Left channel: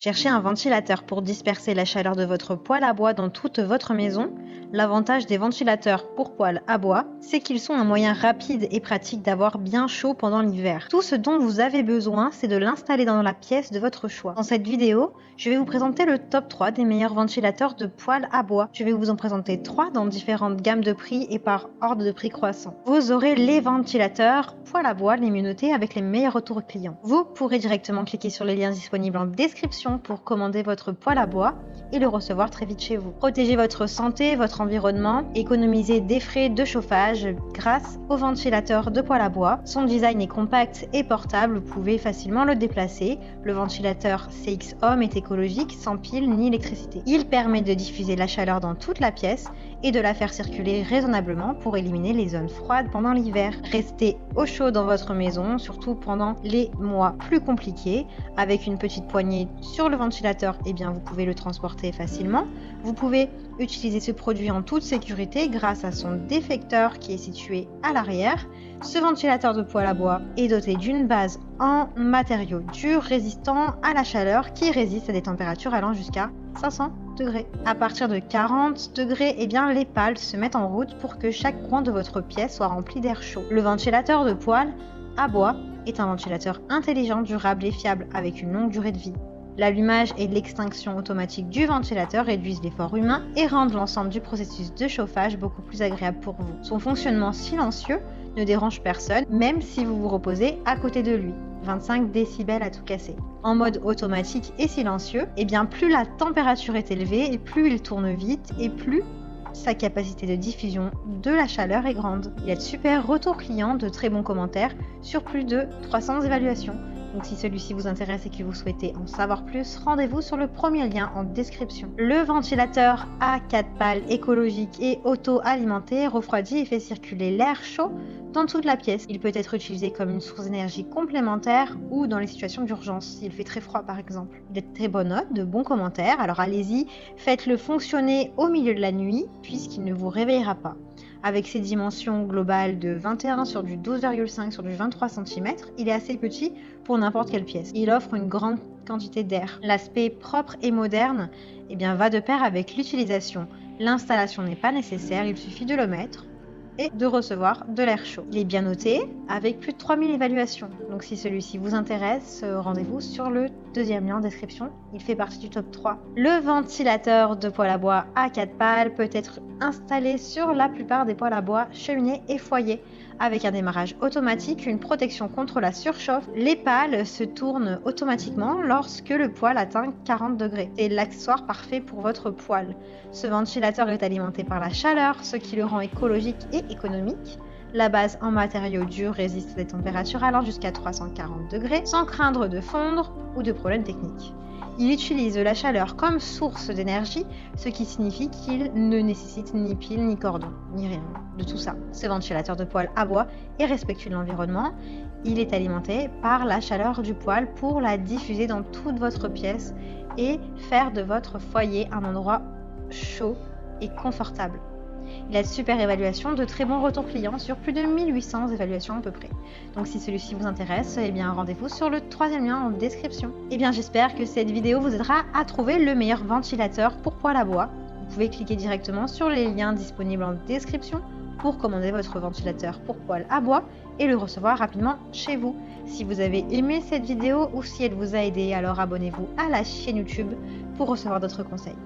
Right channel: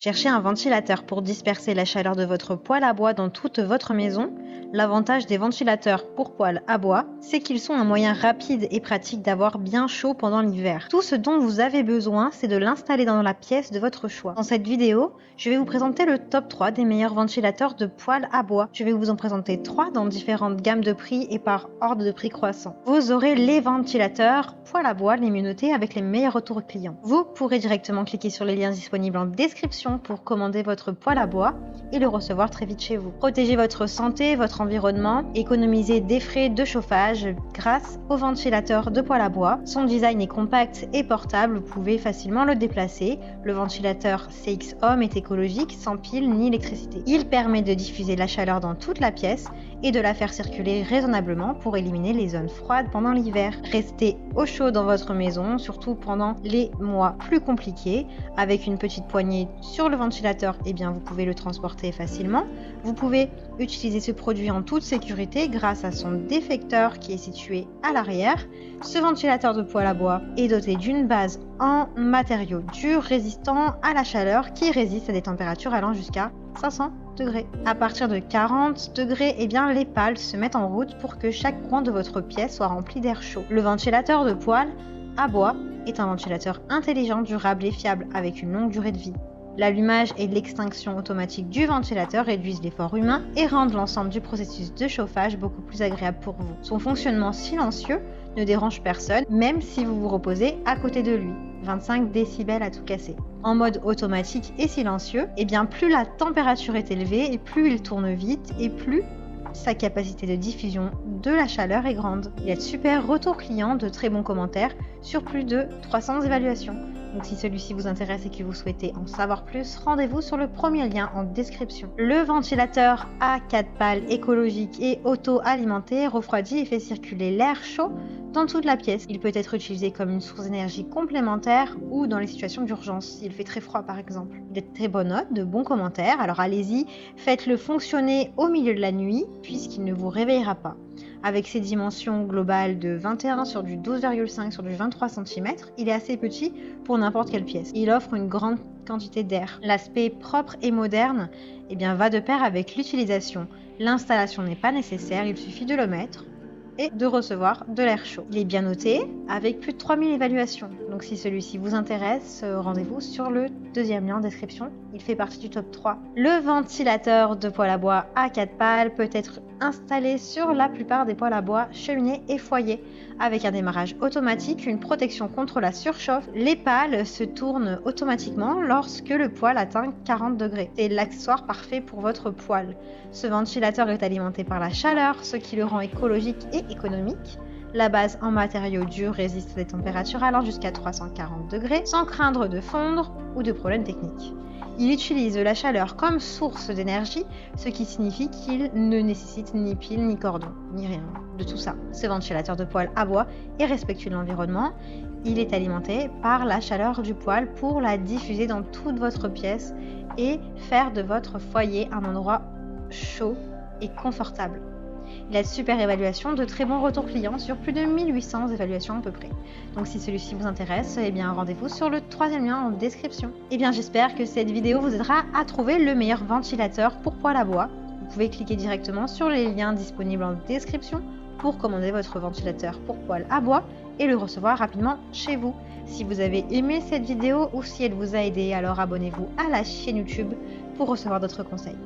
Cherchez un ventilateur pour disperser la chaleur de votre poêle à bois dans toute votre maison. L'avantage des ventilateurs pour poêle à bois, c'est qu'ils sont un moyen rapide et pratique d'avoir bien chaud pendant l'hiver. Tout ce dont vous avez besoin, c'est de l'installer dans la pièce de votre choix. Dans cette vidéo, je vais vous présenter le top 3 des meilleurs ventilateurs de poêle à bois. Je vais vous en présenter 3 dans différentes gammes de prix et par ordre de prix croissant. Vous aurez les ventilateurs poêle à bois les mieux notés avec les meilleurs retours clients. Vous pourrez directement cliquer sur les liens disponibles en description pour commander votre poêle à bois et le recevoir très vite chez vous. Protégez votre santé, votre environnement, économisez des frais de chauffage grâce au ventilateur de poêle à bois. Son design est compact et portable, vous pouvez facilement le déplacer. Le ventilateur CX Home est écologique, sans pile ni électricité. Il permet de diffuser la chaleur dans toute la pièce et de la faire circuler raisonnablement pour éliminer les zones froides pendant l'hiver. Restez au chaud dans votre maison, surtout pendant les mois plus compliqués. Avec une petite poignée sur le ventilateur, vous pouvez le transporter facilement. Vous pouvez utiliser ce produit en toute sécurité grâce à son déflecteur qui est situé à l'arrière. Ce ventilateur de poêle à bois est doté d'une base en matériaux durs résistants à la chaleur qui résiste à des températures allant jusqu'à 500 degrés. À partir de 40 degrés, les pales se mettent en route pour que chaque coin de votre pièce soit rempli d'air chaud. Le ventilateur de poêle à bois est un ventilateur intelligent, durable et fiable avec une longue durée de vie. L'allumage et l'extinction automatique du ventilateur réduisent l'effort humain et rendent l'ensemble du processus de chauffage beaucoup plus agréable pour vous. Son fonctionnement silencieux ne dérange personne, même si vous vous reposez à côté de lui. 25 décibels à tout casser. En mode automatique et silencieux, plus la température est élevée et plus il tourne vite et plus sa capacité de diffusion de la chaleur est grande. Il y a de super retours clients, de très bons commentaires sur plus de 300 évaluations. Donc si celui-ci vous intéresse et que vous souhaitez en savoir plus, rendez-vous sur le premier lien en description. Le ventilateur à 4 pales écologique et auto-alimenté refroidit et fait circuler l'air chaud dans toute la pièce. Il peut être utilisé comme une source d'énergie complémentaire ou dans les situations d'urgence. Il fait très froid par exemple. Il a de très bonnes notes, de bons commentaires, alors allez-y, faites-le fonctionner au milieu de la nuit puisqu'il ne vous réveillera pas. Avec ses dimensions globales de 21 sur du 12,5 sur du 23 cm, il est assez petit pour n'importe quelle pièce. Il offre une grande quantité d'air. L'aspect propre et moderne va de pair avec l'utilisation. L'installation n'est pas nécessaire, il suffit de le mettre et de recevoir de l'air chaud. Il est bien noté avec plus de 3000 évaluations. Donc si celui-ci vous intéresse, rendez-vous sur le deuxième lien en description. Il fait partie du top 3. Le ventilateur de poêle à bois à 4 pales peut être installé sur la plupart des poêles à bois, cheminées et foyers. Avec un démarrage automatique, une protection contre la surchauffe, les pales se tournent automatiquement lorsque le poêle atteint 40 degrés. C'est l'accessoire parfait pour votre poêle. Ce ventilateur est alimenté par la chaleur, ce qui le rend écologique et économique. La base en matériaux durs résiste à des températures allant jusqu'à 340 degrés sans craindre de fondre ou de problèmes techniques. Il utilise la chaleur comme source d'énergie, ce qui signifie qu'il ne nécessite ni pile, ni cordon, ni rien de tout ça. Ce ventilateur de poêle à bois est respectueux de l'environnement. Il est alimenté par la chaleur du poêle pour la diffuser dans toute votre pièce et faire de votre foyer un endroit chaud et confortable. Il a de super évaluations, de très bons retours clients sur plus de 1800 évaluations à peu près. Donc si celui-ci vous intéresse, rendez-vous sur le troisième lien en description. J'espère que cette vidéo vous aidera à trouver le meilleur ventilateur pour poêle à bois. Vous pouvez cliquer directement sur les liens disponibles en description pour commander votre ventilateur pour poêle à bois et le recevoir rapidement chez vous. Si vous avez aimé cette vidéo ou si elle vous a aidé, alors abonnez-vous à la chaîne YouTube pour recevoir d'autres conseils.